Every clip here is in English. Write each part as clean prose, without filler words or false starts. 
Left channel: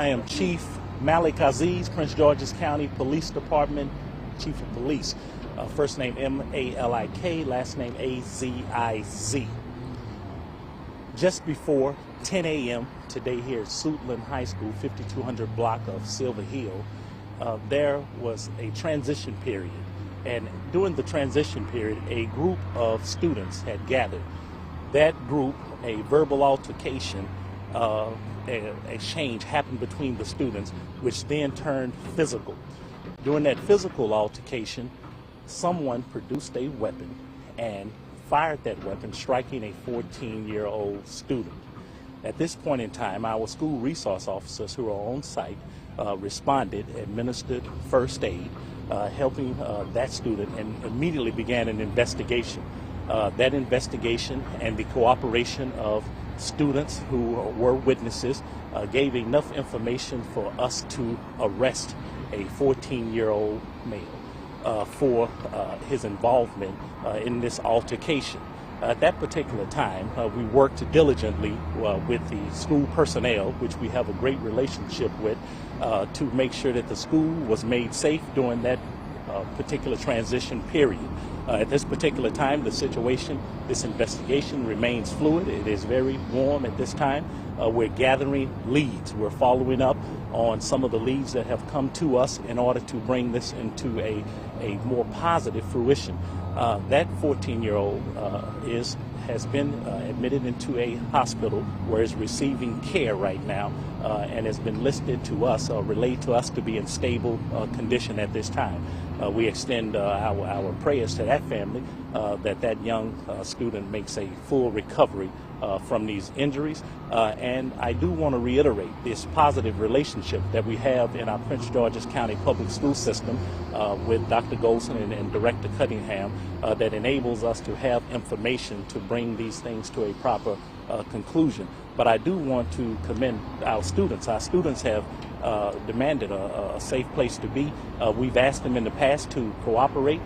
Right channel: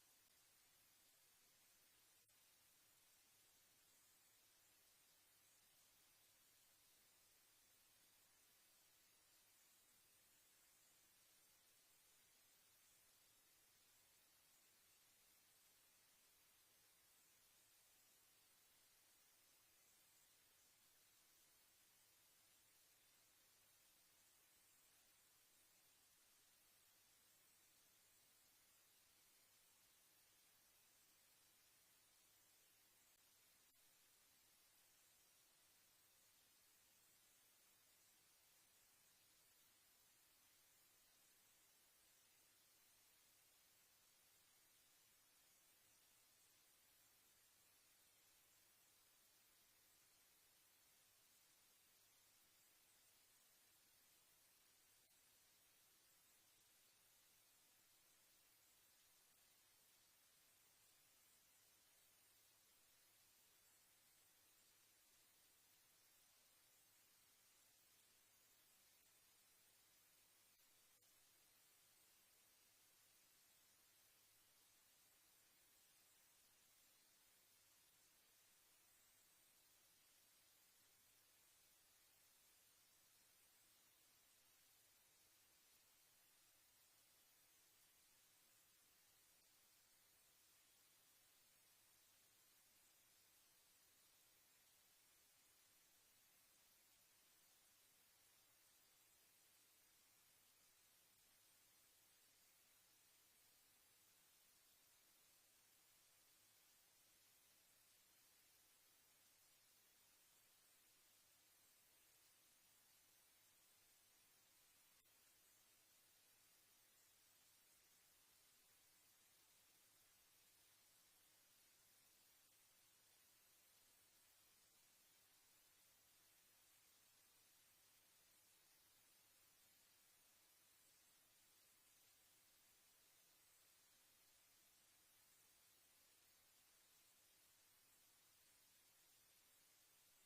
I am Chief Malik Aziz, Prince George's County Police Department Chief of Police. First name M-A-L-I-K, last name A-Z-I-Z. Just before 10 a.m. today here at Suitland High School, 5200 block of Silver Hill, there was a transition period. And during the transition period, a group of students had gathered. That group, a verbal altercation, exchange happened between the students, which then turned physical. During that physical altercation, someone produced a weapon and fired that weapon, striking a 14-year-old student. At this point in time, our school resource officers who are on site responded, administered first aid, helping that student, and immediately began an investigation. That investigation and the cooperation of students who were witnesses gave enough information for us to arrest a 14-year-old male for his involvement in this altercation. At that particular time, we worked diligently with the school personnel, which we have a great relationship with, to make sure that the school was made safe during that particular transition period. At this particular time, the situation, this investigation remains fluid. It is very warm at this time. We're gathering leads. We're following up on some of the leads that have come to us in order to bring this into a more positive fruition. That 14-year-old has been admitted into a hospital where he's receiving care right now and has been listed to us, relayed to us to be in stable condition at this time. We extend our prayers to that family that young student makes a full recovery from these injuries. And I do want to reiterate this positive relationship that we have in our Prince George's County public school system with Dr. Golson and Director Cunningham that enables us to have information to bring these things to a proper conclusion. But I do want to commend our students. Our students have demanded a safe place to be. We've asked them in the past to cooperate,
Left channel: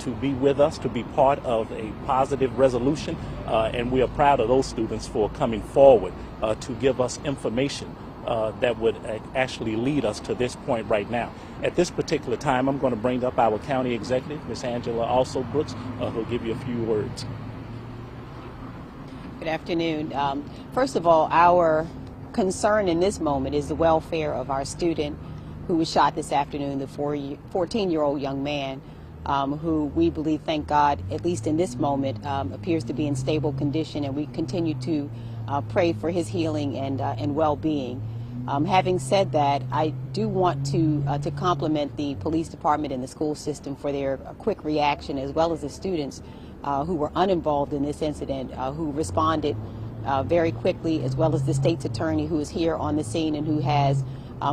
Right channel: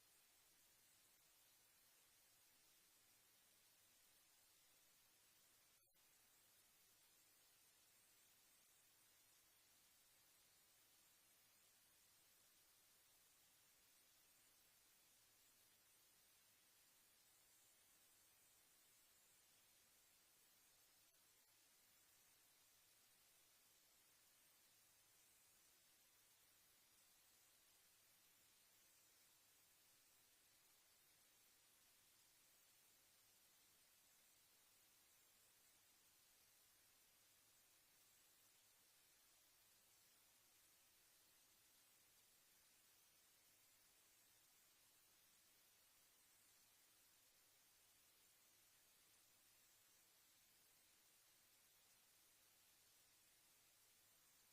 to be with us, to be part of a positive resolution, and we are proud of those students for coming forward to give us information that would actually lead us to this point right now. At this particular time, I'm going to bring up our county executive, Ms. Angela Also Brooks, who'll give you a few words. Good afternoon. First of all, our concern in this moment is the welfare of our student who was shot this afternoon, the 14-year-old young man who we believe, thank God, at least in this moment, appears to be in stable condition, and we continue to pray for his healing and well-being. Having said that, I do want to compliment the police department and the school system for their quick reaction, as well as the students who were uninvolved in this incident, who responded very quickly, as well as the state's attorney who is here on the scene and who has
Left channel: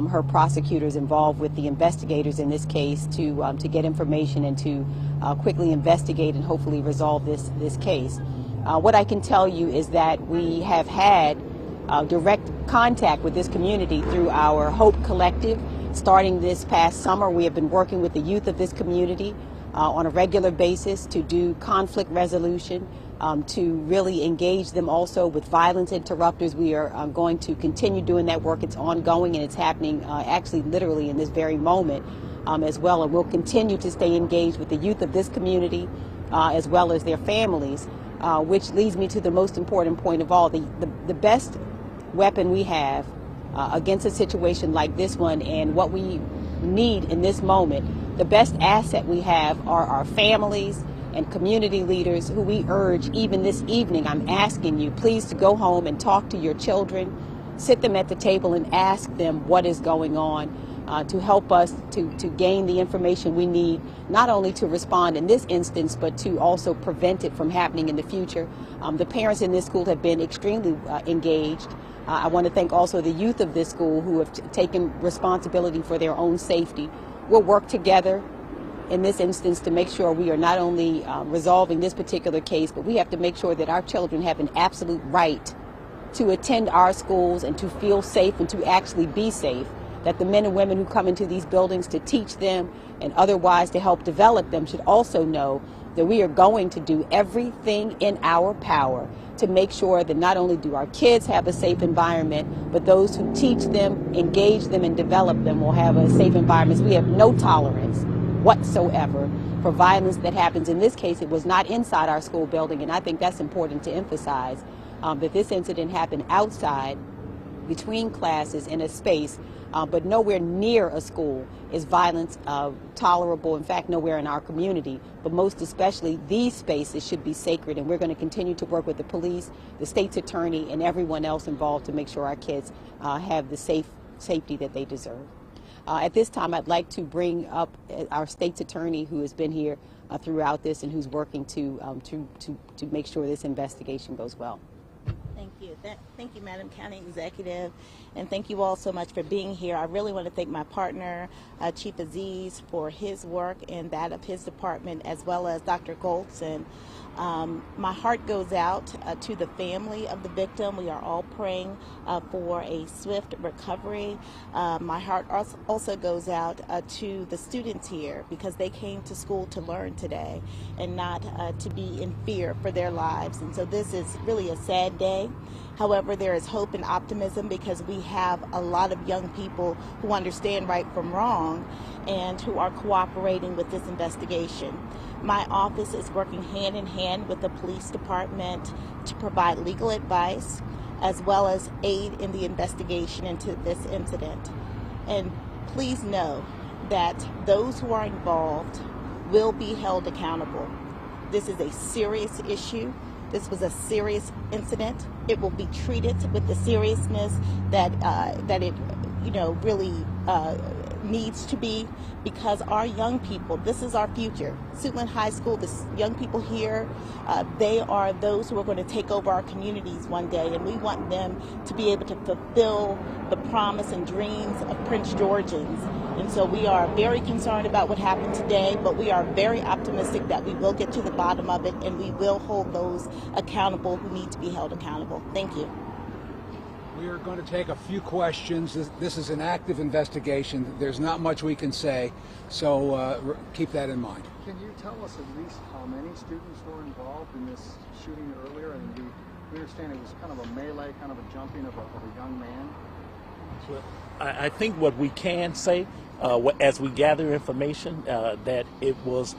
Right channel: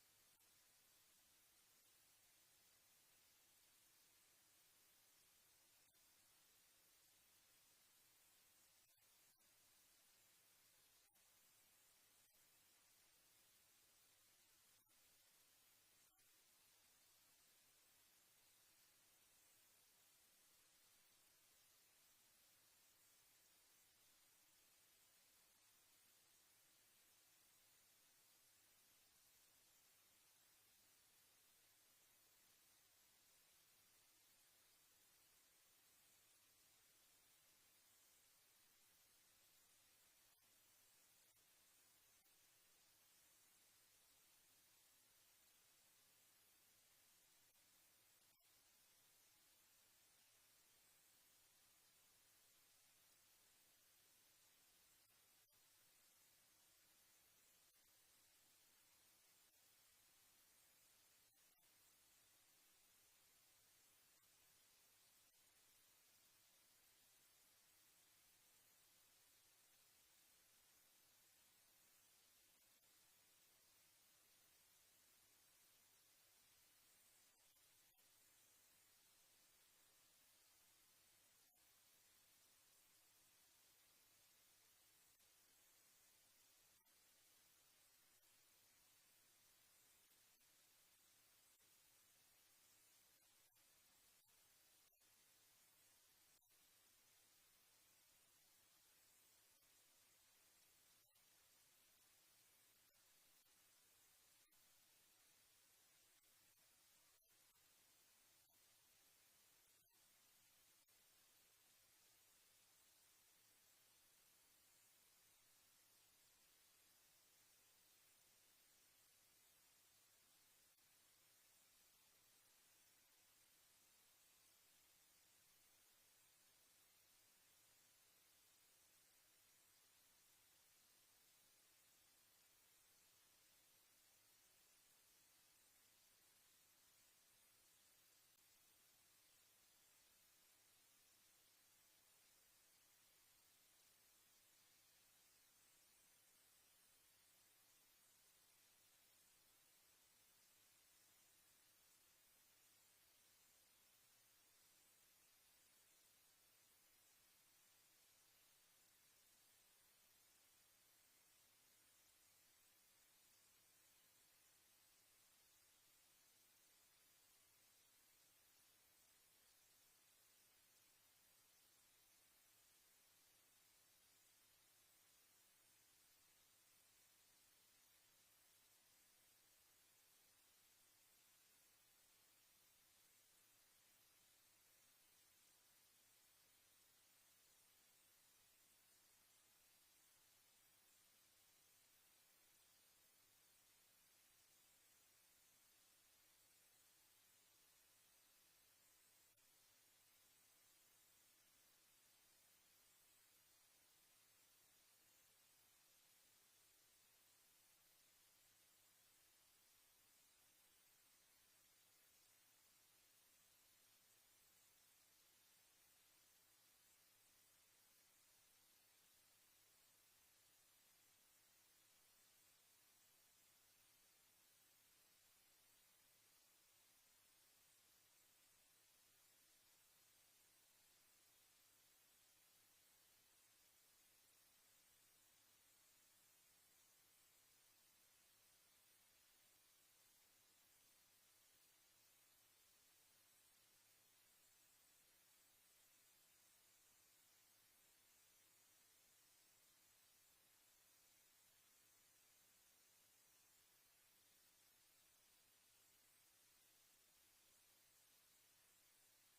her prosecutors involved with the investigators in this case to get information and to quickly investigate and hopefully resolve this case. What I can tell you is that we have had direct contact with this community through our Hope Collective. Starting this past summer, we have been working with the youth of this community on a regular basis to do conflict resolution, to really engage them also with violence interrupters. We are going to continue doing that work. It's ongoing, and it's happening actually literally in this very moment as well. And we'll continue to stay engaged with the youth of this community as well as their families, which leads me to the most important point of all. The best weapon we have against a situation like this one, and what we need in this moment, the best asset we have are our families and community leaders, who we urge even this evening. I'm asking you please to go home and talk to your children, sit them at the table and ask them what is going on, to help us to gain the information we need, not only to respond in this instance, but to also prevent it from happening in the future. The parents in this school have been extremely engaged. I want to thank also the youth of this school who have taken responsibility for their own safety. We'll work together in this instance to make sure we are not only resolving this particular case, but we have to make sure that our children have an absolute right to attend our schools and to feel safe and to actually be safe, that the men and women who come into these buildings to teach them and otherwise to help develop them should also know that we are going to do everything in our power to make sure that not only do our kids have a safe environment, but those who teach them, engage them, and develop them will have a safe environment. We have no tolerance whatsoever for violence that happens. In this case, it was not inside our school building, and I think that's important to emphasize, that this incident happened outside, between classes, in a space, but nowhere near a school is violence tolerable. In fact, nowhere in our community. But most especially, these spaces should be sacred, and we're going to continue to work with the police, the state's attorney, and everyone else involved to make sure our kids have the safety that they deserve. At this time, I'd like to bring up our state's attorney, who has been here throughout this and who's working to make sure this investigation goes well. Thank you. Thank you, Madam County Executive, and thank you all so much for being here. I really want to thank my partner, Chief Aziz, for his work and that of his department, as well as Dr. Goldson. My heart goes out to the family of the victim. We are all praying for a swift recovery. My heart also goes out to the students here, because they came to school to learn today and not to be in fear for their lives. And so this is really a sad day. However, there is hope and optimism, because we have a lot of young people who understand right from wrong and who are cooperating with this investigation. My office is working hand in hand with the police department to provide legal advice as well as aid in the investigation into this incident. And please know that those who are involved will be held accountable. This is a serious issue. This was a serious incident. It will be treated with the seriousness that it really needs to be, because our young people, this is our future. Suitland High School, the young people here, they are those who are going to take over our communities one day, and we want them to be able to fulfill the promise and dreams of Prince Georgians. And so we are very concerned about what happened today, but we are very optimistic that we will get to the bottom of it, and we will hold those accountable who need to be held accountable. Thank you. We are going to take a few questions. This is an active investigation. There's not much we can say, so keep that in mind. Can you tell us at least how many students were involved in this shooting earlier? And we understand it was kind of a melee, kind of a jumping of a young man. Well, I think what we can say, as we gather information, that it was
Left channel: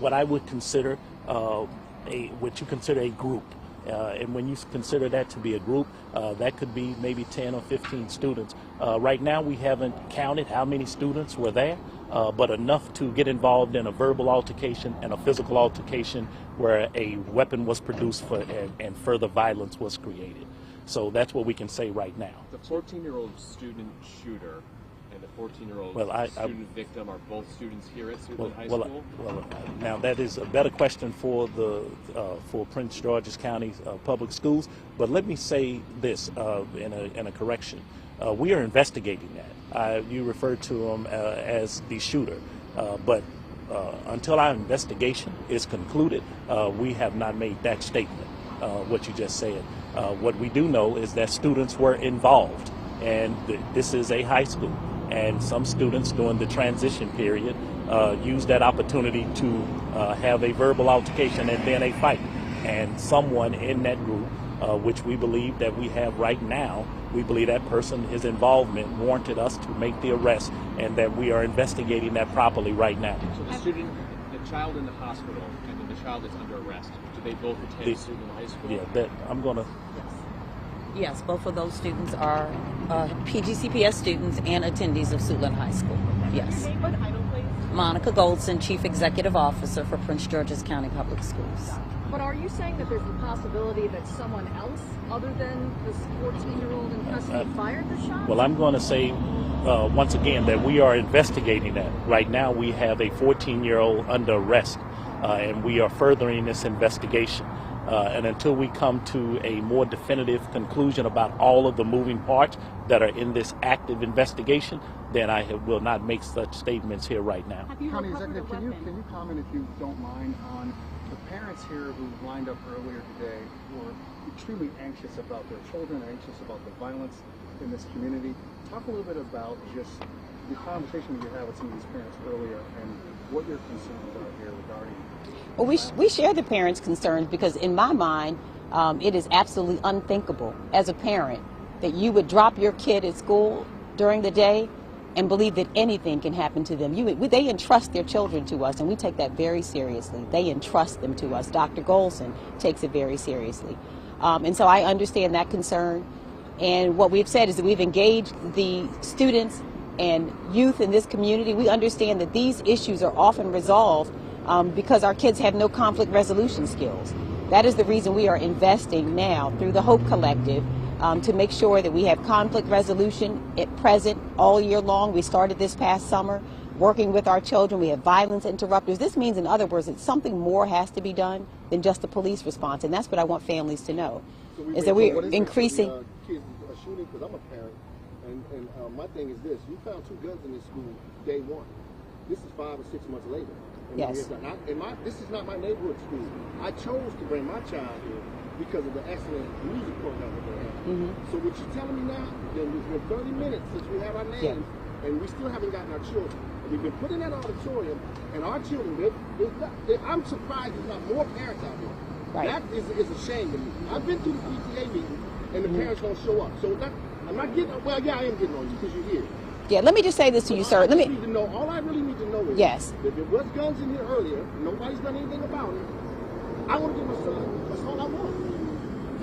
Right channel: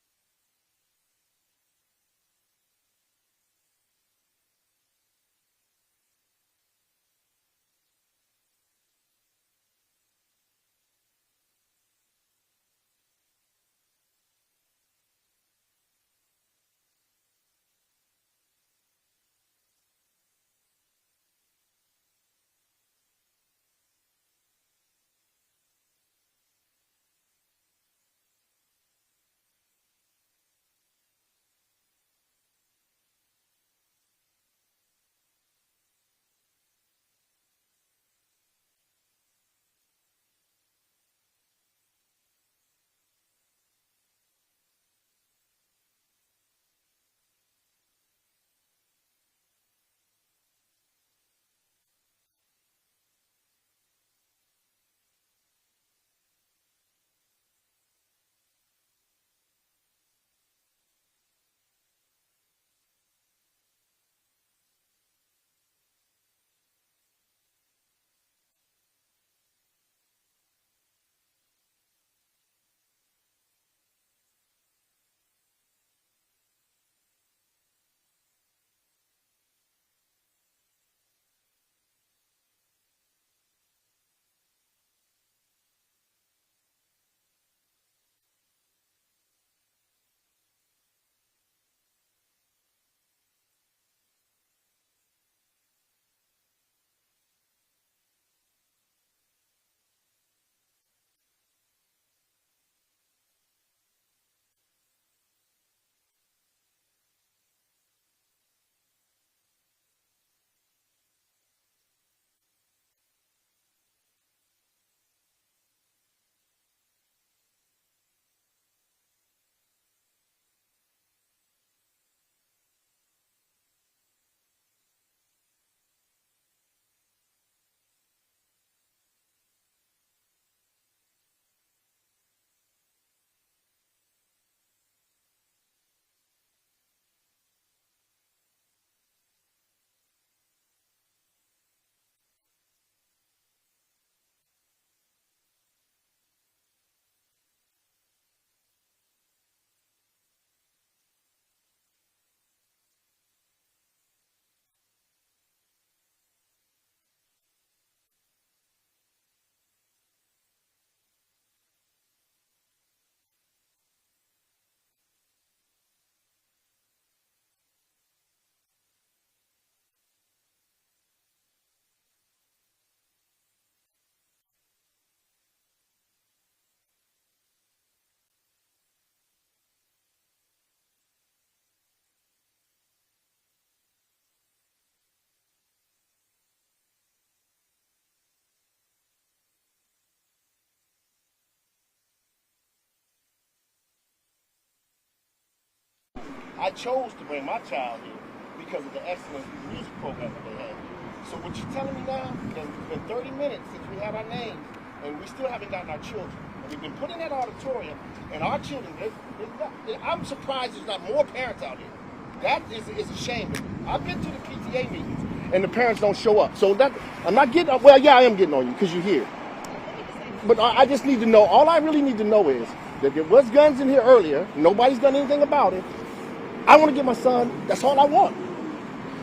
what I would consider what you consider a group. And when you consider that to be a group, that could be maybe 10 or 15 students. Right now, we haven't counted how many students were there, but enough to get involved in a verbal altercation and a physical altercation where a weapon was produced and further violence was created. So that's what we can say right now. The 14-year-old student shooter and the 14-year-old student victim are both students here at Suitland High School? Now that is a better question for for Prince George's County Public Schools. But let me say this in a correction. We are investigating that. You referred to him as the shooter, but until our investigation is concluded, we have not made that statement, what you just said. What we do know is that students were involved, and this is a high school, and some students during the transition period used that opportunity to have a verbal altercation and then a fight. And someone in that group, which we believe that we have right now, we believe that person, his involvement warranted us to make the arrest, and that we are investigating that properly right now. So the child in the hospital and then the child that's under arrest, do they both attend Suitland High School? Yeah, I'm going to... Yes, both of those students are PGCPS students and attendees of Suitland High School. Yes. Monica Goldson, Chief Executive Officer for Prince George's County Public Schools. But are you saying that there's a possibility that someone else other than this 14-year-old in custody fired the shot? Well, I'm going to say once again that we are investigating that. Right now we have a 14-year-old under arrest, and we are furthering this investigation. And until we come to a more definitive conclusion about all of the moving parts that are in this active investigation, then I will not make such statements here right now. County Executive, can you comment, if you don't mind, on the parents here who lined up earlier today who are extremely anxious about their children, anxious about the violence in this community. Talk a little bit about just the conversation you had with some of these parents earlier and what your concerns are here regarding Well, we share the parents' concerns because in my mind, it is absolutely unthinkable as a parent that you would drop your kid at school during the day and believe that anything can happen to them. They entrust their children to us, and we take that very seriously. They entrust them to us. Dr. Golson takes it very seriously. And so I understand that concern. And what we've said is that we've engaged the students and youth in this community. We understand that these issues are often resolved because our kids have no conflict resolution skills. That is the reason we are investing now through the Hope Collective to make sure that we have conflict resolution at present all year long. We started this past summer working with our children. We have violence interrupters. This means, in other words, that something more has to be done than just the police response, and that's what I want families to know, is that we're increasing. Kids are shooting, because I'm a parent, and my thing is this: you found 2 guns in this school day 1. This is 5 or 6 months later. Yes. This is not my neighborhood school. I chose to bring my child here because of the excellent music program that they had. So what you're telling me now, that it's been 30 minutes since we had our names, and we still haven't gotten our children. We've been put in that auditorium, and our children, I'm surprised there's not more parents out here. Right. That is a shame. I've been to the PTA meetings, and the parents don't show up. So that, I'm not getting, well, yeah, I am getting on you, because you're here. Yeah, let me just say this to you, sir. I just need to know, all I really need to know is that there was guns in here earlier, nobody's done anything about it. I want to get my son, that's all I want.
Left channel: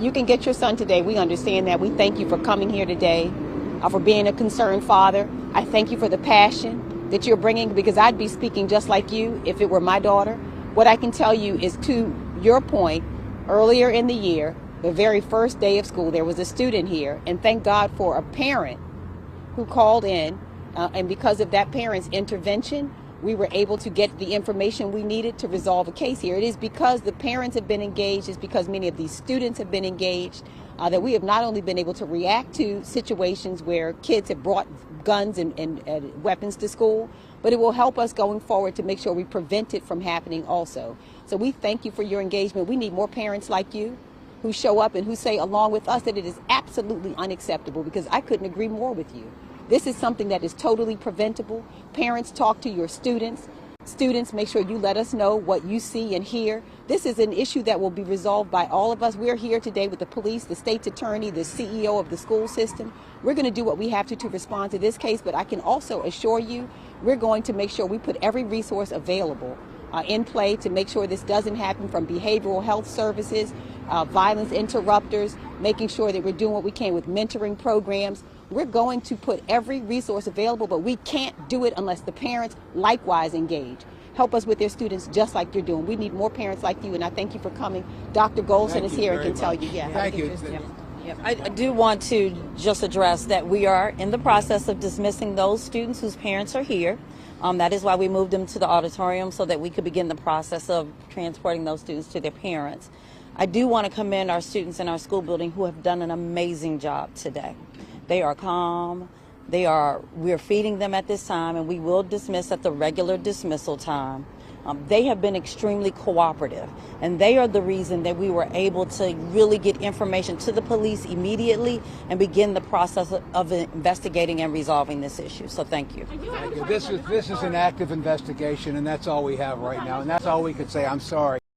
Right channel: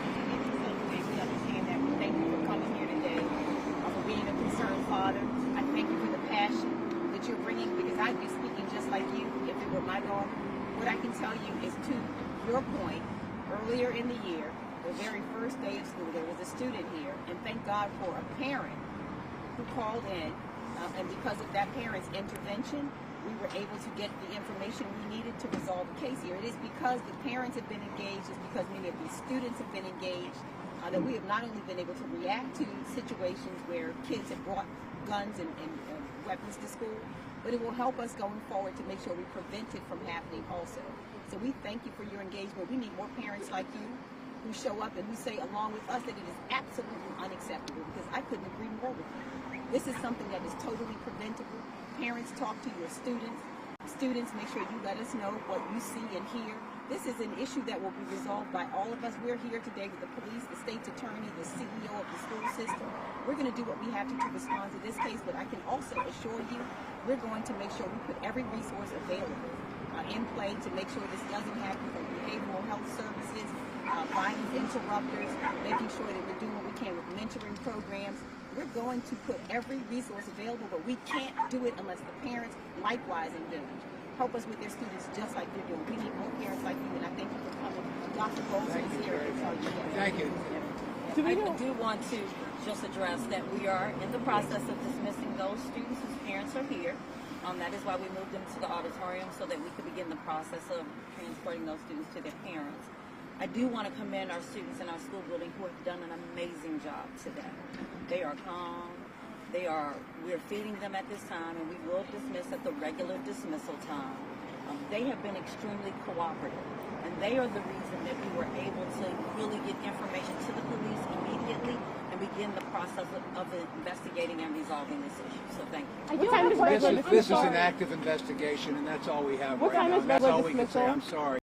You can get your son today. We understand that. We thank you for coming here today, for being a concerned father. I thank you for the passion that you're bringing, because I'd be speaking just like you if it were my daughter. What I can tell you is, to your point, earlier in the year, the very first day of school, there was a student here, and thank God for a parent who called in, and because of that parent's intervention, we were able to get the information we needed to resolve a case here. It is because the parents have been engaged, it's because many of these students have been engaged, that we have not only been able to react to situations where kids have brought guns and weapons to school, but it will help us going forward to make sure we prevent it from happening also. So we thank you for your engagement. We need more parents like you who show up and who say along with us that it is absolutely unacceptable, because I couldn't agree more with you. This is something that is totally preventable. Parents, talk to your students. Students, make sure you let us know what you see and hear. This is an issue that will be resolved by all of us. We're here today with the police, the state's attorney, the CEO of the school system. We're going to do what we have to respond to this case, but I can also assure you we're going to make sure we put every resource available in play to make sure this doesn't happen, from behavioral health services, violence interrupters, making sure that we're doing what we can with mentoring programs. We're going to put every resource available, but we can't do it unless the parents likewise engage. Help us with their students just like you're doing. We need more parents like you, and I thank you for coming. Dr. Golson is here and can tell you. Yeah. Thank you. I do want to just address that we are in the process of dismissing those students whose parents are here. That is why we moved them to the auditorium, so that we could begin the process of transporting those students to their parents. I do want to commend our students in our school building who have done an amazing job today. They are calm. We're feeding them at this time, and we will dismiss at the regular dismissal time. They have been extremely cooperative, and they are the reason that we were able to really get information to the police immediately and begin the process of investigating and resolving this issue. So thank you. This is an active investigation, and that's all we have right now, and that's all we can say. I'm sorry.